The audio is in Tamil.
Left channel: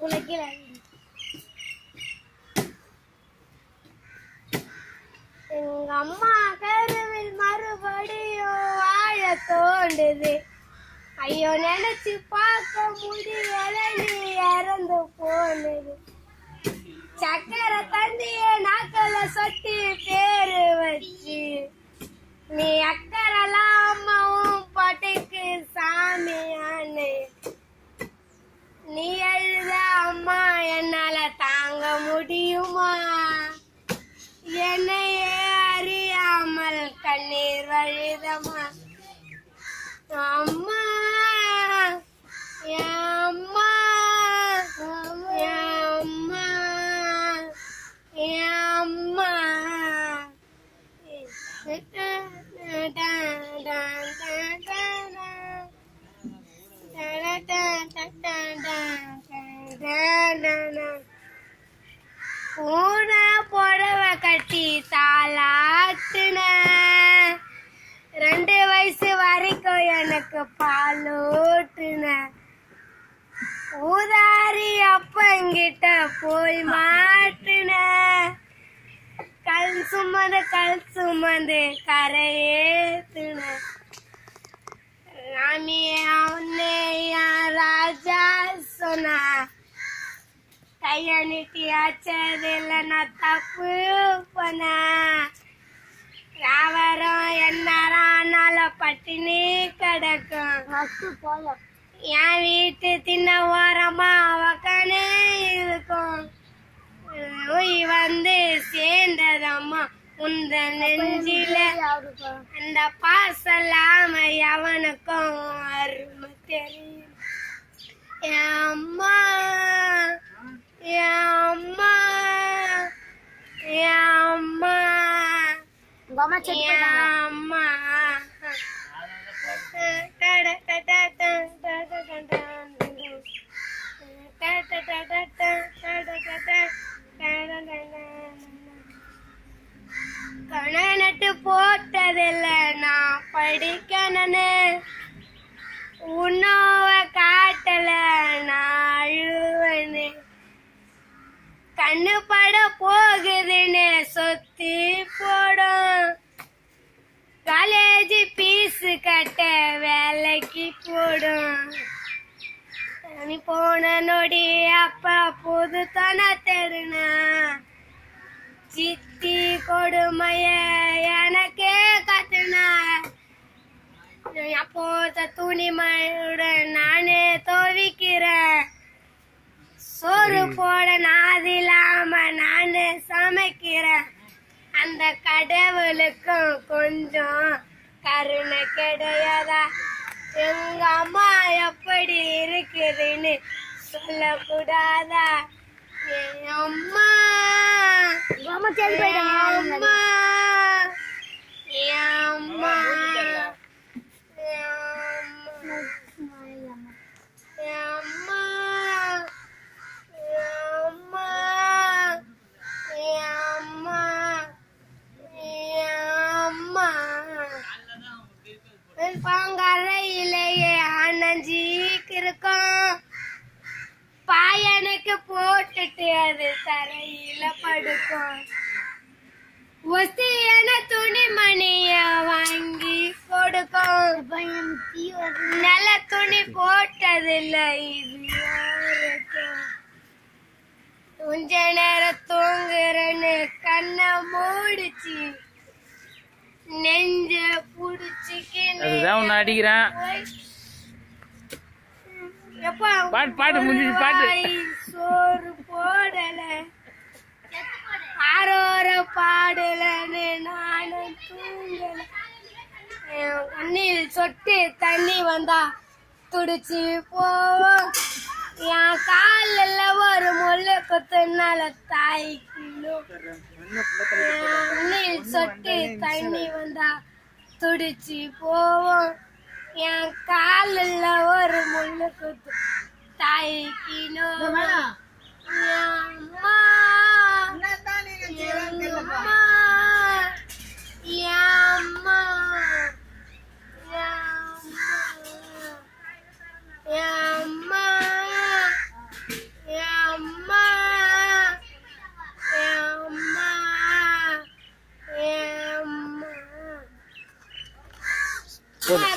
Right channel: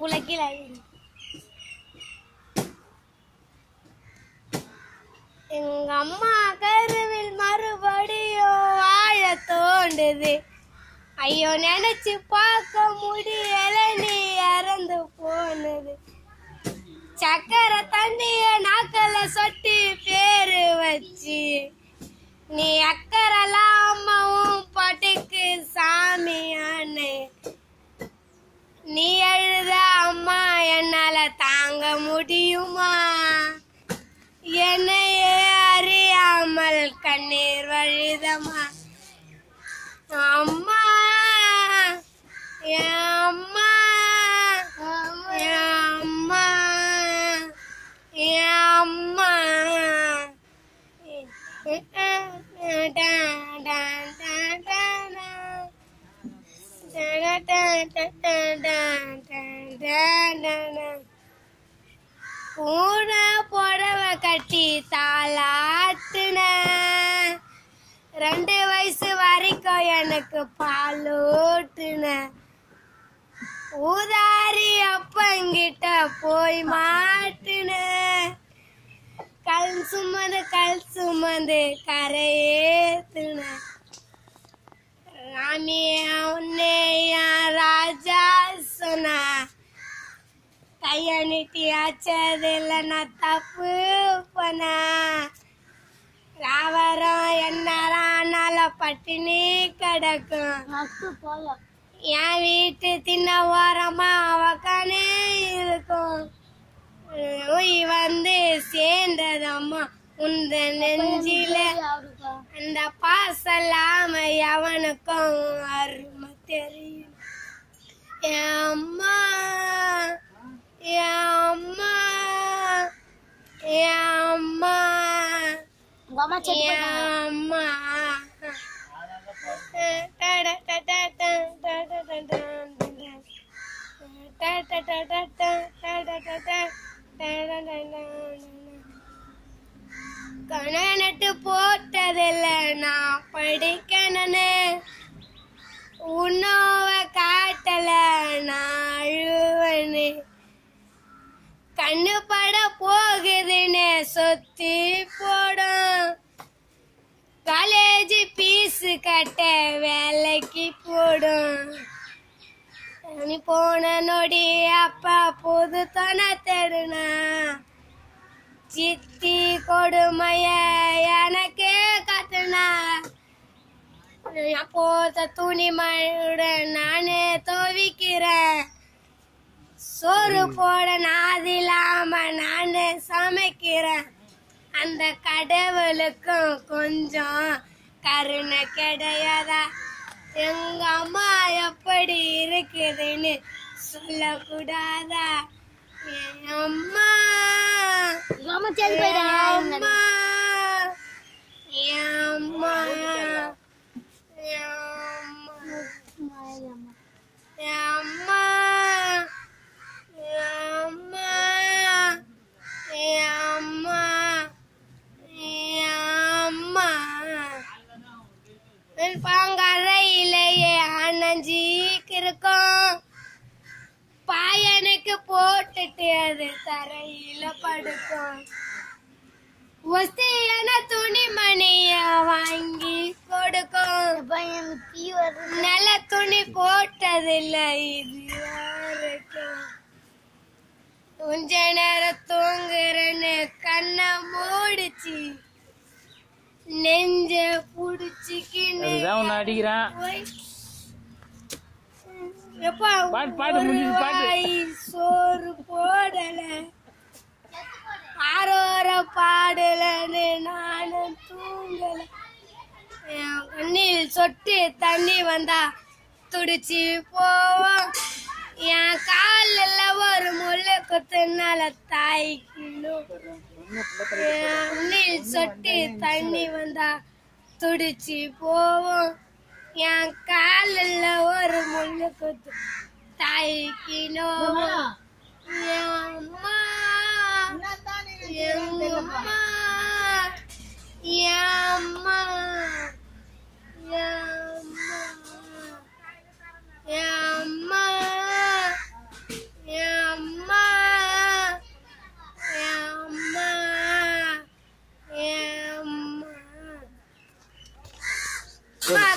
புலக்கில எங்க அம்மா கருவில் மறுபடியும் வாழ தோண்டுது. ஐயோ நினைச்சு பார்க்க முடியல, நீ இறந்து போனது. சக்கரை தண்ணிய நாக்கல சொட்டி பேரு வச்சு, நீ அக்கறலாமவும் பட்டுக்கு சாமியானு. நீ எழுத அம்மா என்னால தாங்க முடியுமா? என்னையே அறியாமல் கண்ணீர் வழிதம்மா. அம்மா அம்மா அம்மா அம்மா பூன புடவை கட்டி தாளாத்துன. 2 வயசு வரைக்கும் எனக்கு பாலூட்டுன. ஊதாரி அப்பங்கிட்ட போய் மாட்டுன. கல் சுமந்து கரையேத்துன. ராமியா உன்னையா ராஜா சொன்னா, கைய நீட்டி ஆச்சதில்ல நான் தப்பு பண்ண. ராவரம் என்னால பட்டினி கிடக்கும். என் வீட்டு தின்ன ஓரமா அவக்கானே இருக்கும். வந்து சேர்ந்ததம்மா உந்த நெஞ்சில. அந்த பாசலாம அவனுக்கும் அருமை தெரியும். என் அம்மா என் அம்மா என் அம்மா என் அம்மா. கணை நட்டு போட்டதில்ல நான் படிக்கணுன்னு. உன்னோவ காட்டல நான் அழுவனு. கண்ணு பட போகுதுன்னு சொத்தி போடும். காலேஜ் பீஸ் கட்ட வேலைக்கு போடும். நீ போன நொடி அப்பா புது தன தெருனா. சித்தி கொடுமைய எனக்கே கத்துனா. போத துணிமழ நானே துவைக்கிறேன். சோறு போட நாதில்லாம நானே சமைக்கிறேன். அந்த கடவுளுக்கும் கொஞ்சம் கருணை கிடையாதா? எங்க அம்மா எப்படி இருக்குதுன்னு சொல்லக்கூடாதா? என் அம்மா அம்மா பாங்கறையிலேயே அணைஞ்சிக்கு இருக்கும். பாயனுக்கு போட்டுட்டு அது தரையில படுக்கும். ஒஸ்தியான துணிமணிய வாங்கி கொடுக்கும். நல்ல துணி போட்டதில்ல இது யாருக்கும். கொஞ்ச நேரம் தூங்குறன்னு கண்ணை மூடிச்சு நெஞ்ச புடிச்சுக்கின்னு அடிக்கிறான். சோறு போடல ஆரோர பாடலன்னு நானும் தூங்கல. கண்ணில் சொட்டு தண்ணி வந்தா துடிச்சு போவோம். என் காலில் ஒரு முள்ளு குத்துனால தாய்க்கணும். கண்ணில் சொட்டு தண்ணி வந்தா துடிச்சு போவோம். என் காலில் ஒரு முள்ளு குத்து தாய்க்கணும். அம்மா அம்மா அம்மா